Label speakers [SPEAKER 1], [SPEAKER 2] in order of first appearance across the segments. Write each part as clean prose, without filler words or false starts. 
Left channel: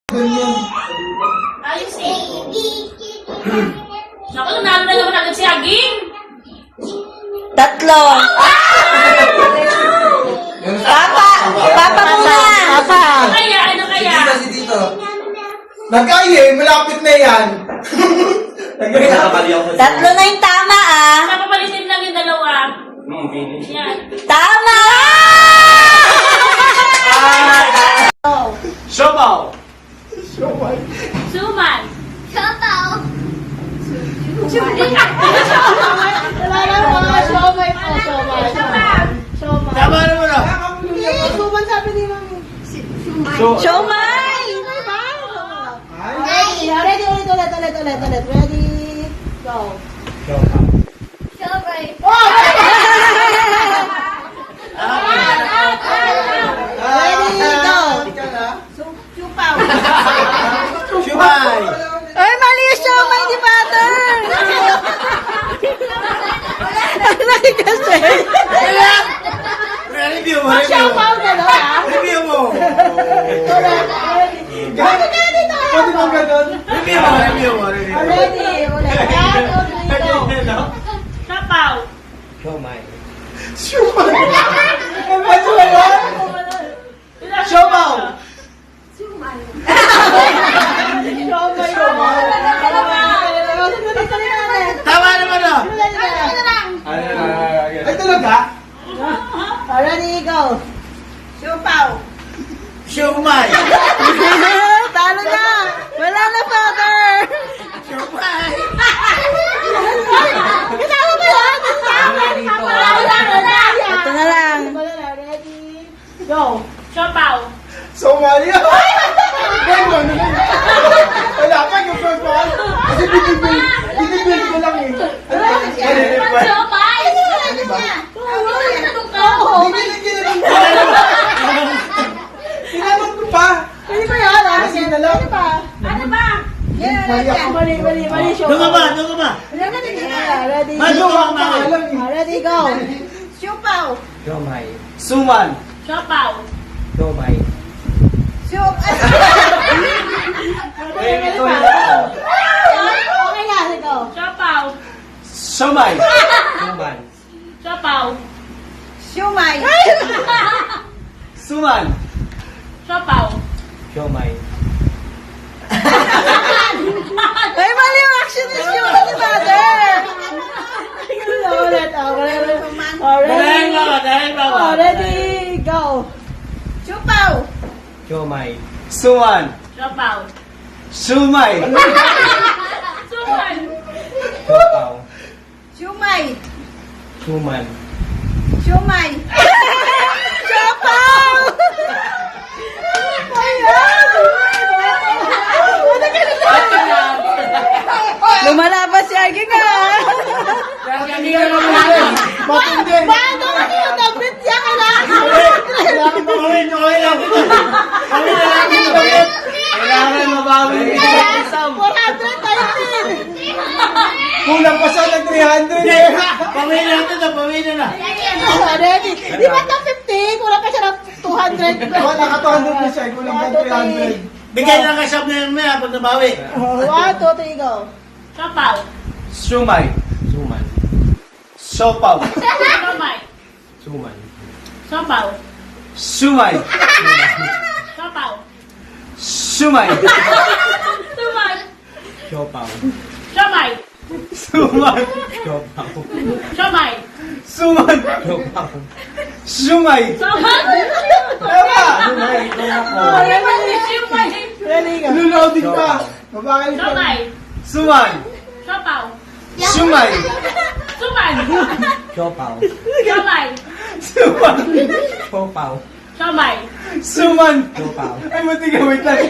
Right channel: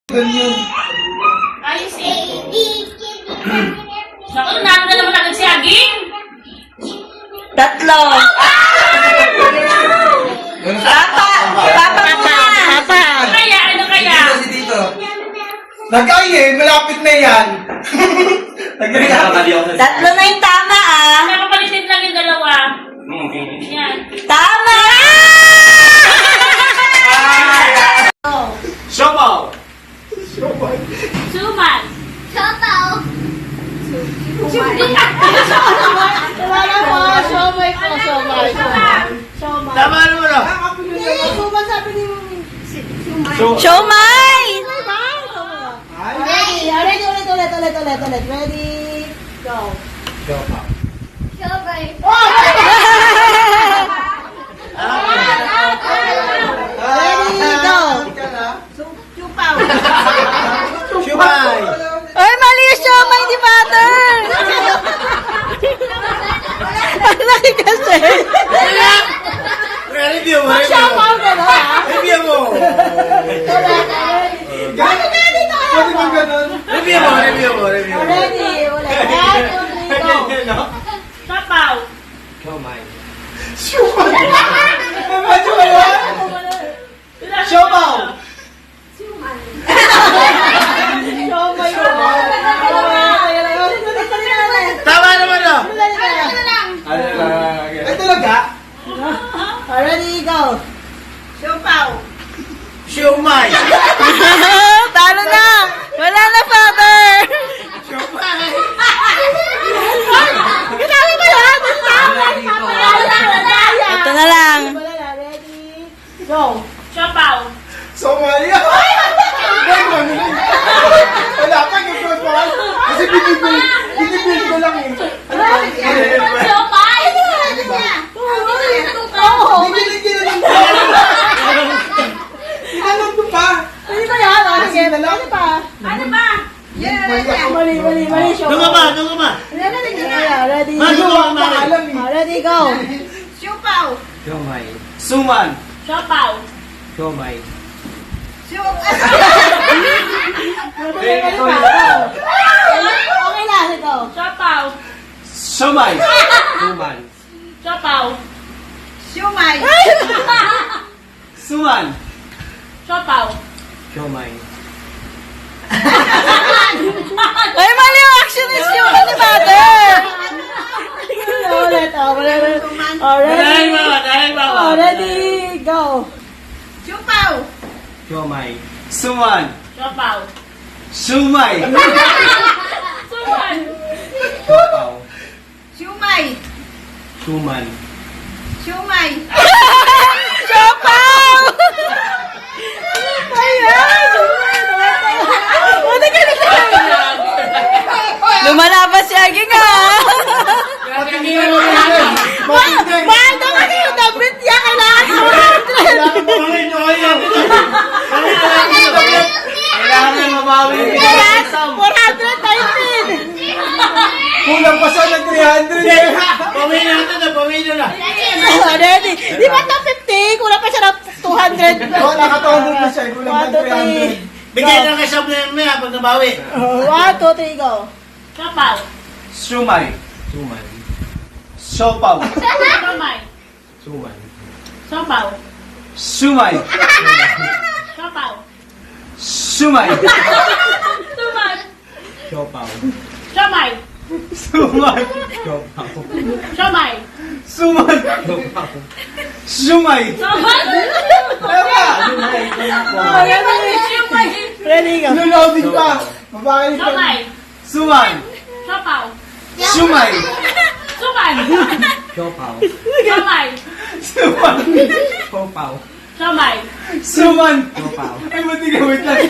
[SPEAKER 1] Ayos eh. Naku, nanalo na naman agad si Aging.
[SPEAKER 2] 3. Papa muna. Papa.
[SPEAKER 1] Ano kaya? Ano kaya?
[SPEAKER 3] Nagkaya eh, malapit na yan.
[SPEAKER 2] Tatlo na yung tama ah.
[SPEAKER 1] Napapalitin lang yung dalawa. Yan.
[SPEAKER 2] Tama!
[SPEAKER 3] Siopaw.
[SPEAKER 1] Suman.
[SPEAKER 3] Tama naman ah.
[SPEAKER 2] Siomay!
[SPEAKER 4] Ready, ulit. Ready, go. Ready, go. Chupaw.
[SPEAKER 3] Siumay.
[SPEAKER 2] Ay, mali yung siomay ni Mother! Ang laki kasi.
[SPEAKER 3] Review mo. Review mo. Pwede bang ganun? Review mo.
[SPEAKER 4] Ready, ulit. Go.
[SPEAKER 1] Papaw.
[SPEAKER 3] Siumay. Medyo wala. Siopaw. Tama naman ah. Ay talaga?
[SPEAKER 4] Ready, go. Chupaw.
[SPEAKER 3] Siumay.
[SPEAKER 2] Talo na! Wala na, Father!
[SPEAKER 4] Ginawa ba yan?
[SPEAKER 2] Ito na lang.
[SPEAKER 4] Ready, go.
[SPEAKER 1] Siopaw.
[SPEAKER 3] Somalia. Wala pa yung first one. Kasi binibuild ko lang eh.
[SPEAKER 1] Siopay.
[SPEAKER 3] Tinanong ko pa.
[SPEAKER 4] Hindi ba yan?
[SPEAKER 3] Kasi na lang.
[SPEAKER 1] Ano ba?
[SPEAKER 4] Mali,
[SPEAKER 3] Doon ka ba?
[SPEAKER 4] Ready, ready, go. Chupaw.
[SPEAKER 3] Suman.
[SPEAKER 1] Siopaw.
[SPEAKER 4] Okay na, go.
[SPEAKER 1] Siopaw.
[SPEAKER 3] Siomay.
[SPEAKER 1] Siopaw.
[SPEAKER 4] Siumay.
[SPEAKER 3] Suman.
[SPEAKER 1] Siopaw.
[SPEAKER 2] Ay, mali yung action ni siomay ni Mother!
[SPEAKER 4] Ulit, ready, go. Chupaw.
[SPEAKER 3] Suman.
[SPEAKER 1] Siopaw.
[SPEAKER 3] Sumay.
[SPEAKER 1] Suman.
[SPEAKER 4] Siumay. Siumay.
[SPEAKER 2] Siopay! Lumalaban si Aging ah!
[SPEAKER 3] Matindi.
[SPEAKER 4] Bakit naman yung dapat niya kailangan?
[SPEAKER 3] Kailangan yung mabawi.
[SPEAKER 4] 400 tayo din.
[SPEAKER 3] Kulang pa siya ng 300 eh.
[SPEAKER 5] Pamilya na.
[SPEAKER 4] Ready? Di ba na 50? Kulang pa siya ng 200.
[SPEAKER 3] Oo, nakatondo na siya. Kulang pa 300.
[SPEAKER 5] Bigay lang kay Sob na yung maya pag nabawi.
[SPEAKER 4] 1, 2, 3, go.
[SPEAKER 1] Siopaw.
[SPEAKER 3] Sumay. Siopaw.
[SPEAKER 1] Siomay. Siopaw.
[SPEAKER 3] Sumay.
[SPEAKER 1] Siopaw.
[SPEAKER 3] Sumay.
[SPEAKER 1] Suman. Siomay.
[SPEAKER 3] Sumay.
[SPEAKER 1] Siomay.
[SPEAKER 3] Suman. Sumay.
[SPEAKER 1] Suman.
[SPEAKER 3] Tama.
[SPEAKER 1] Siomay.
[SPEAKER 4] Ready, go.
[SPEAKER 3] Reloading pa. Mabakal pa.
[SPEAKER 1] Siomay.
[SPEAKER 3] Suman.
[SPEAKER 1] Siopaw.
[SPEAKER 3] Sumay.
[SPEAKER 1] Suman. Siomay.
[SPEAKER 3] Suman.
[SPEAKER 1] Siomay.
[SPEAKER 3] Suman. Ay, matiga, wait lang.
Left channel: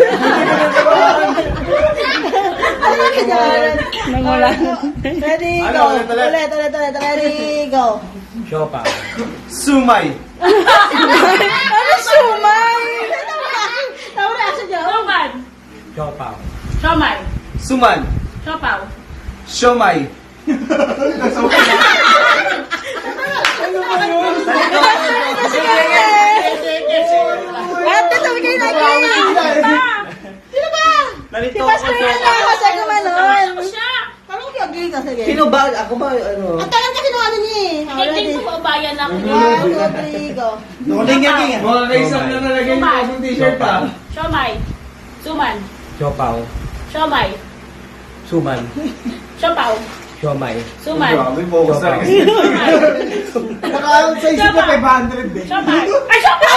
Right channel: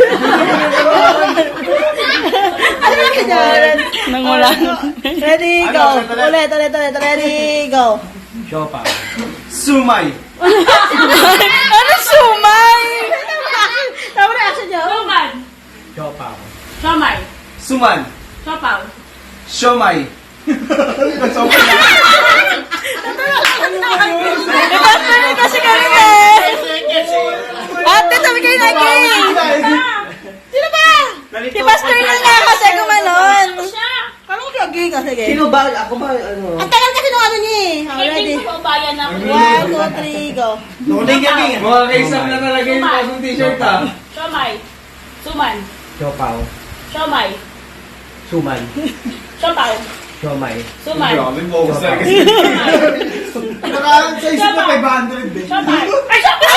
[SPEAKER 2] Nangulang.
[SPEAKER 4] Ready, go. Ulit. Ready, go.
[SPEAKER 3] Sumay.
[SPEAKER 2] Ano sumay?
[SPEAKER 4] Tama na action niyo.
[SPEAKER 1] Suman. Siomay.
[SPEAKER 3] Suman.
[SPEAKER 1] Siopaw.
[SPEAKER 3] Siomay.
[SPEAKER 2] Iba kasi kami eh! Ate, sabi kayo lagi!
[SPEAKER 4] Sino ba
[SPEAKER 2] Si Pastor na nga kasi gumanon.
[SPEAKER 1] Siya.
[SPEAKER 4] Parang lagi ka, sige.
[SPEAKER 3] Sino ba? Ako ba? Ano?
[SPEAKER 4] Ang tagal kasi nung ano niya eh.
[SPEAKER 1] Kaitin ko bayan ako.
[SPEAKER 4] 1, 2, 3, go.
[SPEAKER 5] Nuling ka king.
[SPEAKER 3] Mga kaisang na nalagay yung pasong t-shirt pa.
[SPEAKER 1] Siomay. Suman.
[SPEAKER 3] Siopaw.
[SPEAKER 1] Siomay.
[SPEAKER 3] Suman.
[SPEAKER 1] Siopaw.
[SPEAKER 3] Siomay.
[SPEAKER 1] Suman.
[SPEAKER 3] Nakaroon sa isip ko 500 eh.
[SPEAKER 1] Siomay. Ay, siomay!